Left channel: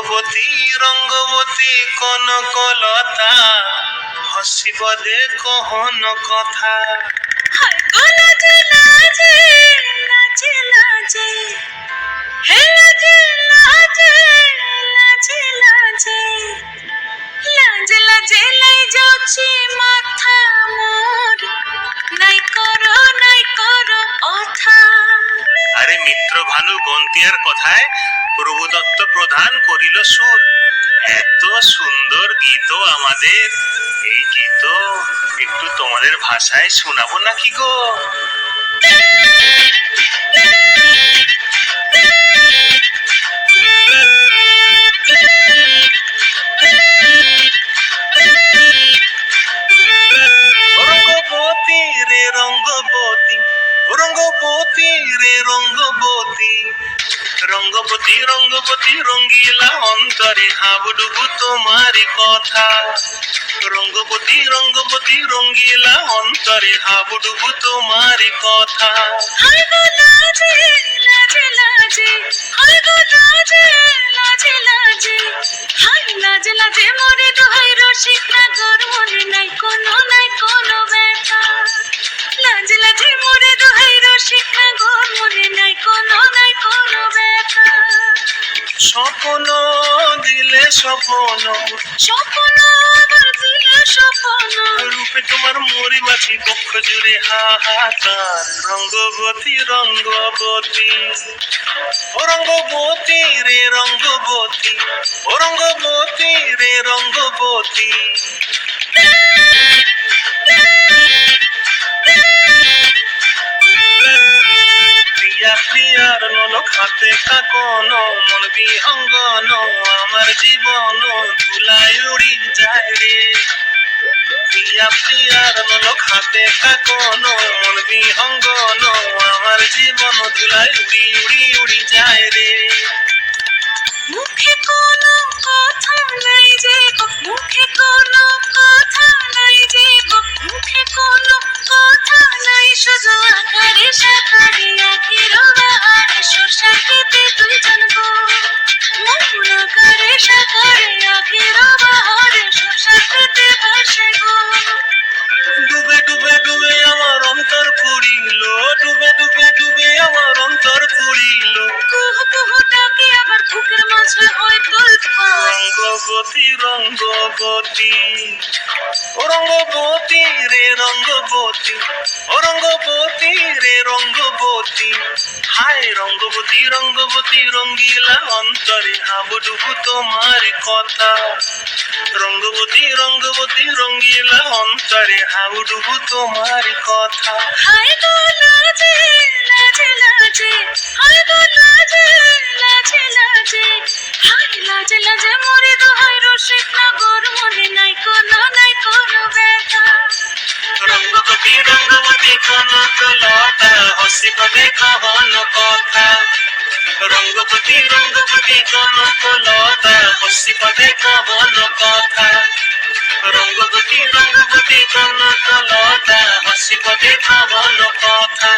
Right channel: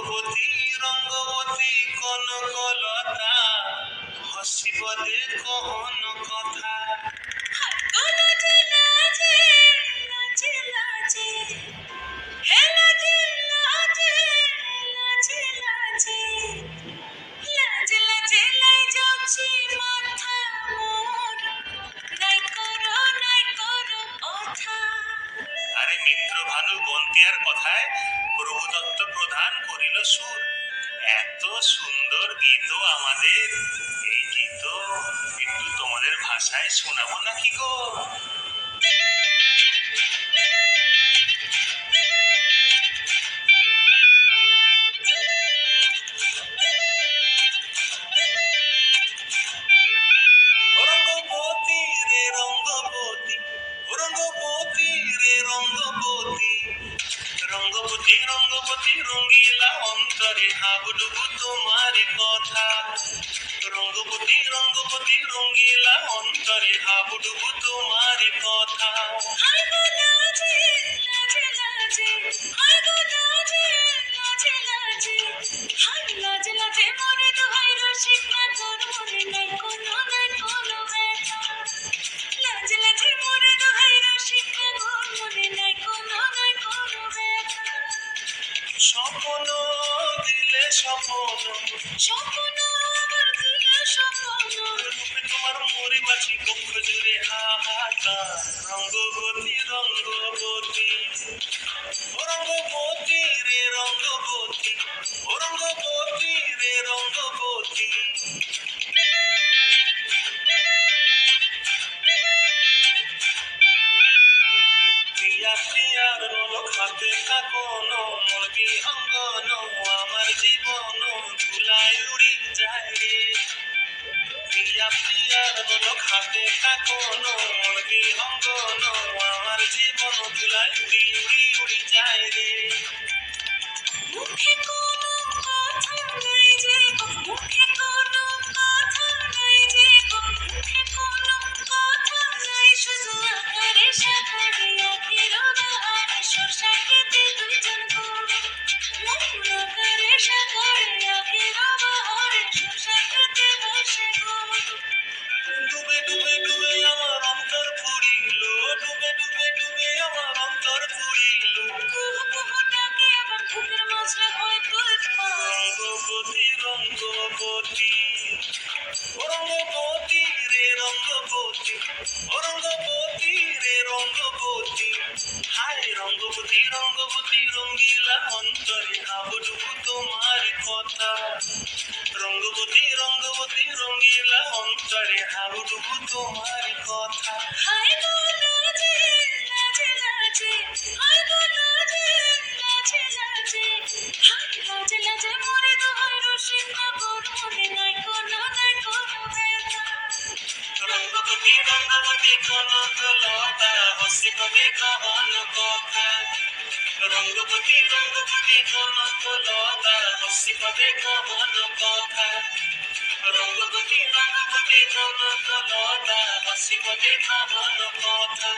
রঙ্গবতী রঙ্গবতী কনকলতা হসিব দেখো হন কথা। লাজে লাজে লাজে লাজে হে লাজে লাজে লাজে লাজে লাজে লাজে লাই যাচ্ছে মাথা মোর নাই করো কথা। আরে মিত্র ভানু বন্তিয়ার কথায় প্রভুদত্ত প্রধান করিল সুর। এত সুন্দর গীত আমাদের, এই গীত একটু তোমাদের ভাষায় শোনাবো নাকি গো? রঙ্গবতী রে রঙ্গবতী, রঙ্গবতী রে রঙ্গবতী, রঙ্গবতী রঙ্গবতী রঙ্গিলা অন্তরে হাবুডুবু তোমারি কথা। রঙ্গবতী রঙ্গবতী রঙ্গিলা অন্তরে হাবুডুবু তোমারি কথা। হায় গো লাজে লাজে লাজে হায় গো লাজে লাজে লাজে হায় লাজে লাজে মরে দোহাই রসিক নাগর মনে নাই কোনো ব্যথা। লাজে লাজে মরে দোহাই রসিক নাগর মনে নাই কোনো ব্যথা। স্বপ্ন দিলে স্বপ্ন, স্বপ্ন আবার দিলে স্বপ্ন, রূপে তোমার মরি মাছি বক্ষ জুড়ে হাহাকার। রঙ্গবতী রঙ্গবতী, ও রঙ্গবতী রে রঙ্গবতী, ও রঙ্গবতী রে রঙ্গবতী। প্রিয়া প্রিয়ার নলক হাতে কাকন, মন বিহঙ্গন আমার জীবন ধুলায় উড়ি যায় রে। প্রিয়া প্রিয়ার নলক হাতে কাকন, মন বিহঙ্গন আমার জীবন ধুলায় উড়ি উড়ি উড়ি যায় রে। মুখে কোনো কথা নাই যে গো, মুখে কোনো কথা নাই যে গো, মুখে কোনো কথা নাই, শুধু আকারে সাকারে আখির বাহারে সরষা খেতে দুইজন গো। মন আকারে সাকারে আখির বাহারে সরষা খেতে ভাসে গো। ডুবে ডুবে ডুবে আমার অন্তর পুরিল, ডুবে ডুবে ডুবে আমার অন্তর পুরিল। কুহু কুহু ডাকে আবার বুকের মাঝে হয় তোলপাড়। রঙ্গবতী রঙ্গবতী, ও রঙ্গবতী রে রঙ্গবতী, ও রঙ্গবতী রে রঙ্গবতী। হায় রঙ্গবতী রঙ্গবতী রঙ্গিলা অন্তরে হাবুডুবু তোমার কথা। রঙ্গবতী রঙ্গবতী রঙ্গিলা অন্তরে হাবুডুবু তোমার কথা। হায় গো লাজে লাজে লাজে হায় গো লাজে লাজে লাজে হায় লাজে লাজে মরে দোহাই রসিক নাগর মনে নাই কোনো ব্যথা। রঙ্গবতী রঙ্গবতী কনকলতা হসিব দেখো হন কথা। রঙ্গবতী রঙ্গবতী কনকলতা হসিব দেখো হন কথা। রঙ্গবতী রঙ্গবতী কনকলতা হসিব দেখো হন কথা।